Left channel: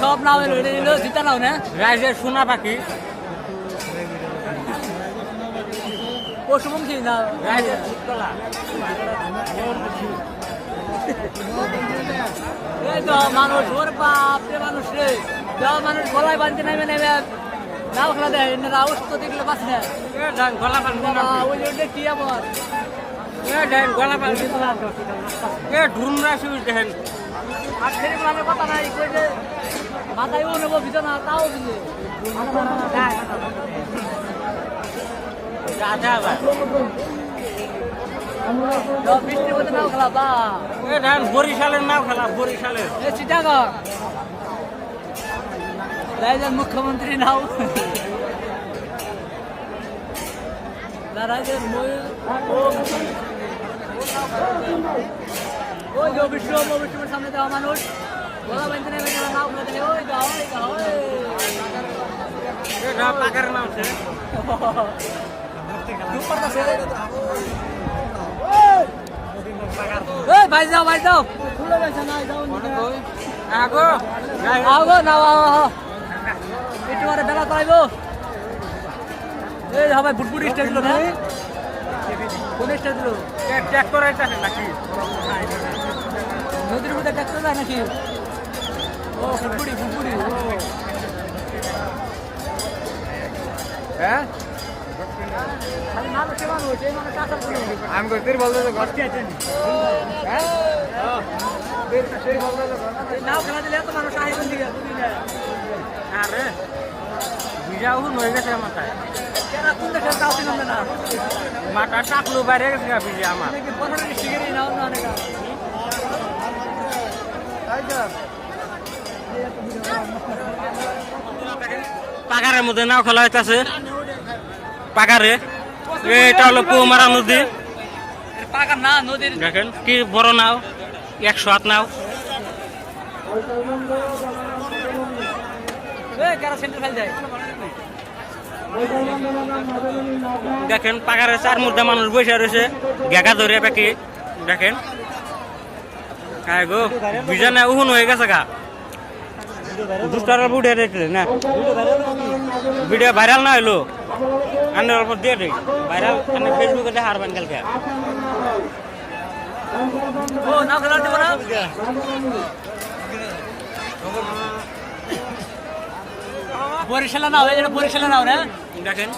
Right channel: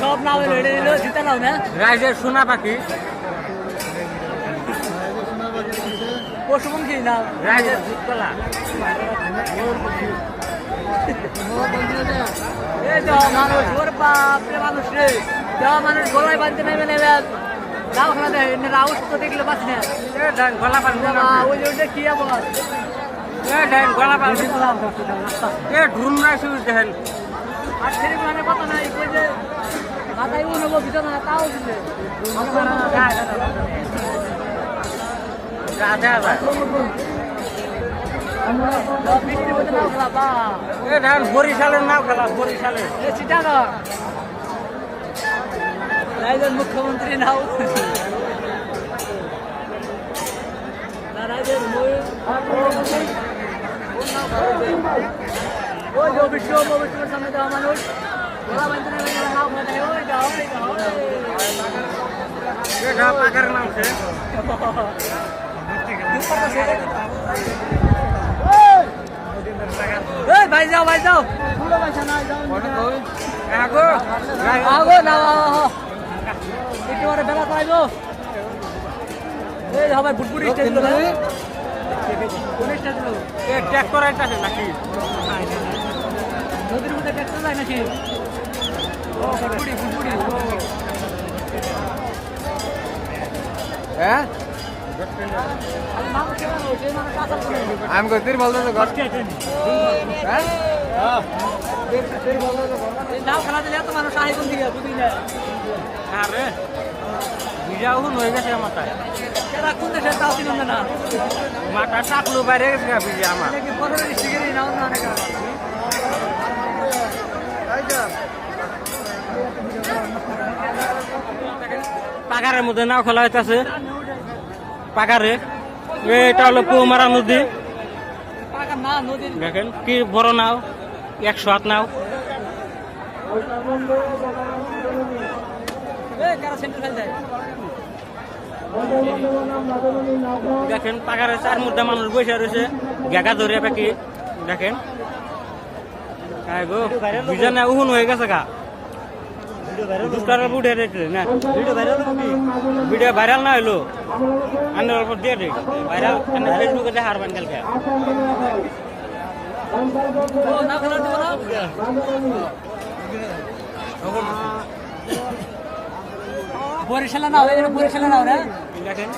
সব নামে রেডি দিল জিতা নাও না সোনা পাখি পশুপক্ষী না মানুষ গলায় বাঁধতে নেবে নেবে নাও খেলা দেয় রাউন্ড দেখলে পাচ্ছে ওই যে কি আর সেরকম মানে কথা নাই ওই যে মাথায় নেবো ভিতরে না তাও বৃষ্টির মধ্যে নাও খেলা বা বরিশালের নাম খেলা বরিশালের চিটাগা রাজ্যের মুখ্যমন্ত্রী নাও রাজ্যের ভাই যাও ভাই যাও আগো না একটু বেলা চাইব এই সবাই ফুটফুটি স্টেজ গুলো কোন স্টেজ নদীর মধ্যে ট্রাক্টর যায় নাকি ও ফুটফুটি ফুটফুটি হ্যাঁ আমি কত বলতে ঘর হ্যাঁ নাম খেলা দিলে তো মানুষ সাহিত্য দিকে বুঝি না কোন দেশের তাও চিনবে না পাকারের মধ্যে নাও খেলা হইতেছে পাকারে এটা হলো কুমারা নদী পাকার না নদীর কি বড় নাও 108 নাও কারা সেন্টার ফেল যায় দেখেন পাকারের চার মুদ্রা মানুষ বসে রয়েছে গেগা ধরে পাখি দেখেন গো বিজনা উহুন হয়ে গেছে গা দুষ্টারা বুড়ে দেখলে না ভিডিও ভাইরাল না হইলো আন্ডার উপর দিয়ে দেখ ভাইরাল ফেসবুকে দেখে হারবেন কালকে ও নাম খেলা দেবো না বরিশালে নাও এটা বরিশালে নাও রে দেখেন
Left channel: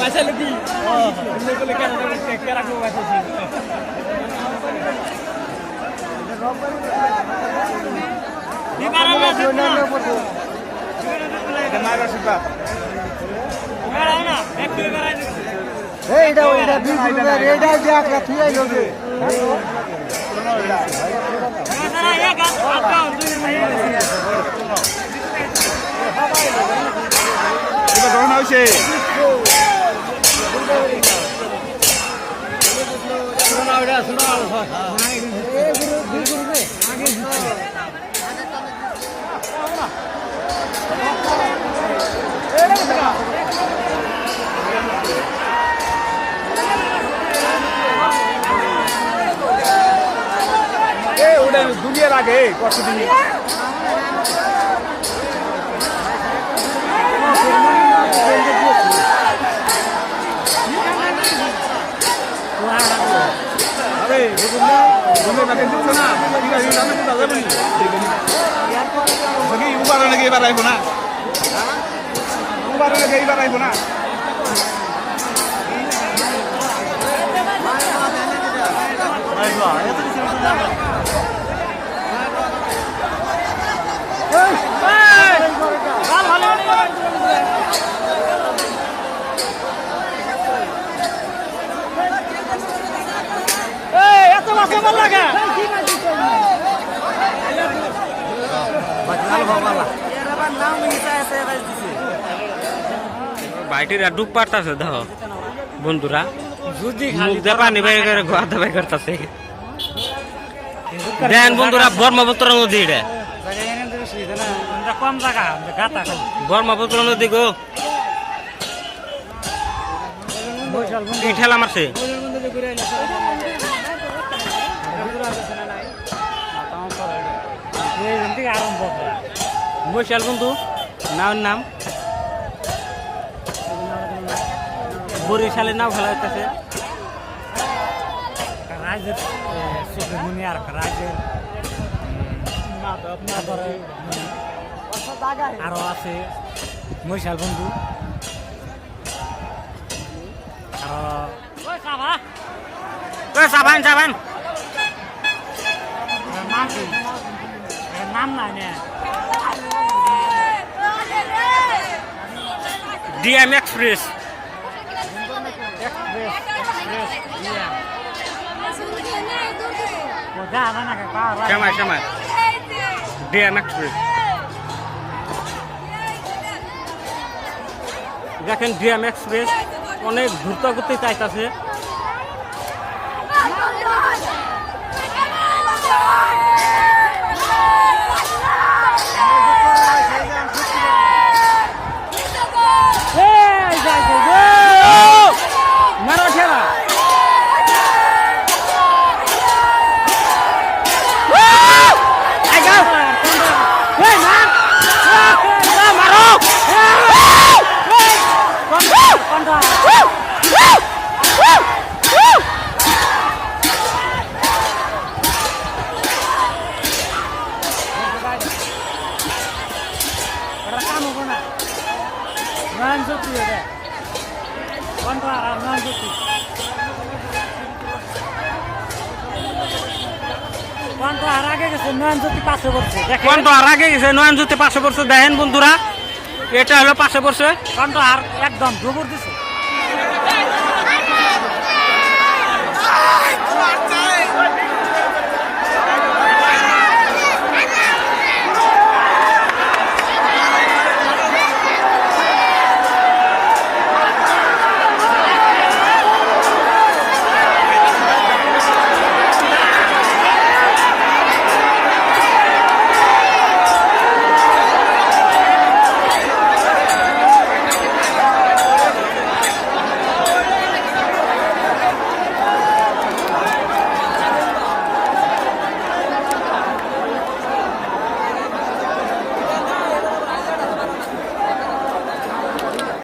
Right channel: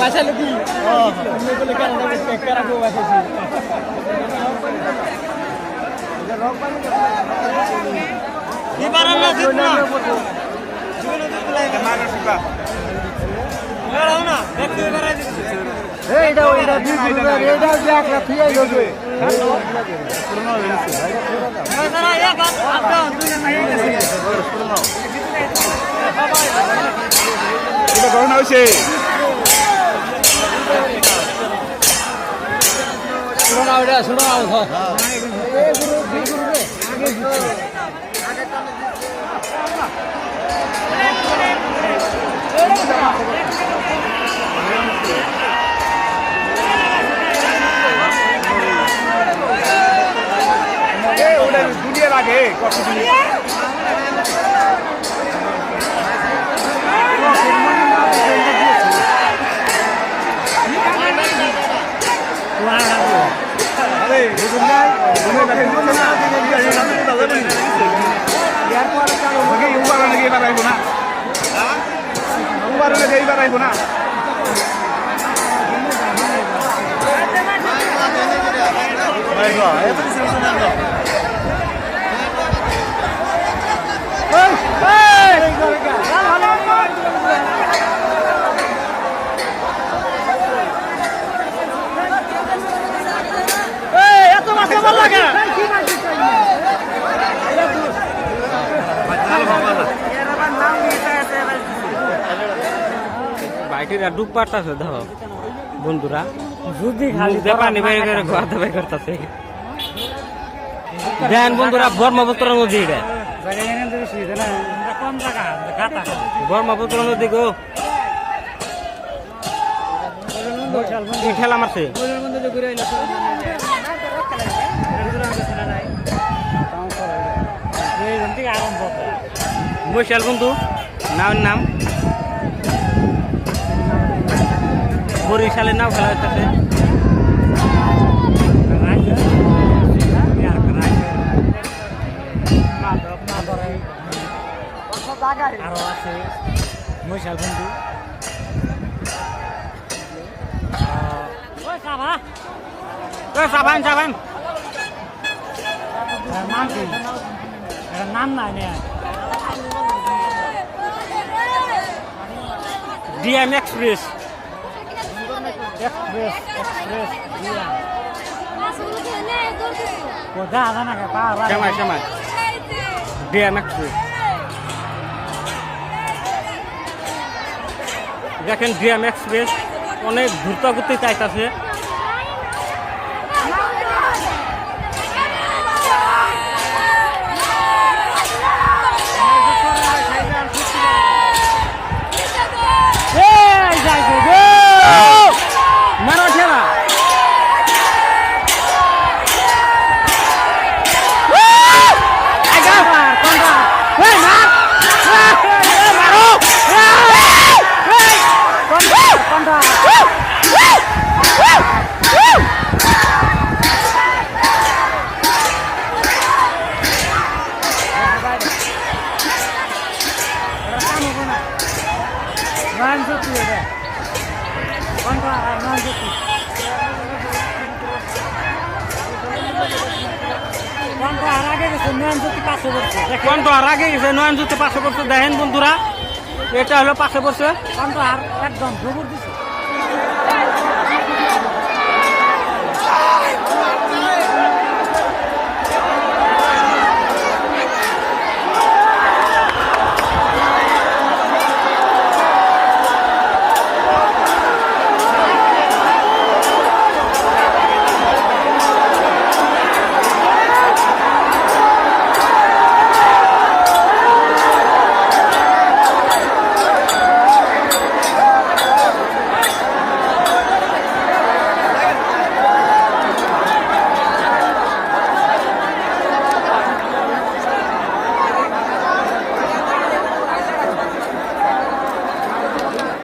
বাসা লোকি কেরা বাসা এবার না জিত না জীবনে জিত না মারা সুকা এরাও না দেখতে বেরাই এটা না এটা না এটা না দিবে দিবে হ্যালো পুরনো হইছে না এক আটকাও দুজন নাই পুরনো শুনো ওটা শুনো ওটা দুনিয়ার আগে কষ্ট দুনিয়া Hey! এটা টুক পারতাছে তো বন্ধুরা যদি খালি ধরা না খাইতাম করতেছে উত্তর ব্রহ্মপুত্র নদী এটা জায়গা এনে তো বেশি না এটা কম জায়গা গাতা খালি ব্রহ্মপুত্র নদী গো বৈশাল বন্ধু ঠেলা মারছে এই থেকে আরম্ভ বৈশাল বন্ধু নাম বরিশালের নাম আরো আছে বৈশাল বন্ধু যাবেন নাম কি নাম নাই না ডিএম এক্সপ্রেস এক্সপ্রেস ও যা না কে পাওয়া ডিএম দেখেন ডিএম এক্সপ্রেস ঘুরতে ঘুরতে চাইতেছে নয়নজ্যোতি পাশে পড়ছে দেখেন বন্ধুরা এটা হলো পাশে পড়ছে আর একদম গোবর দিছে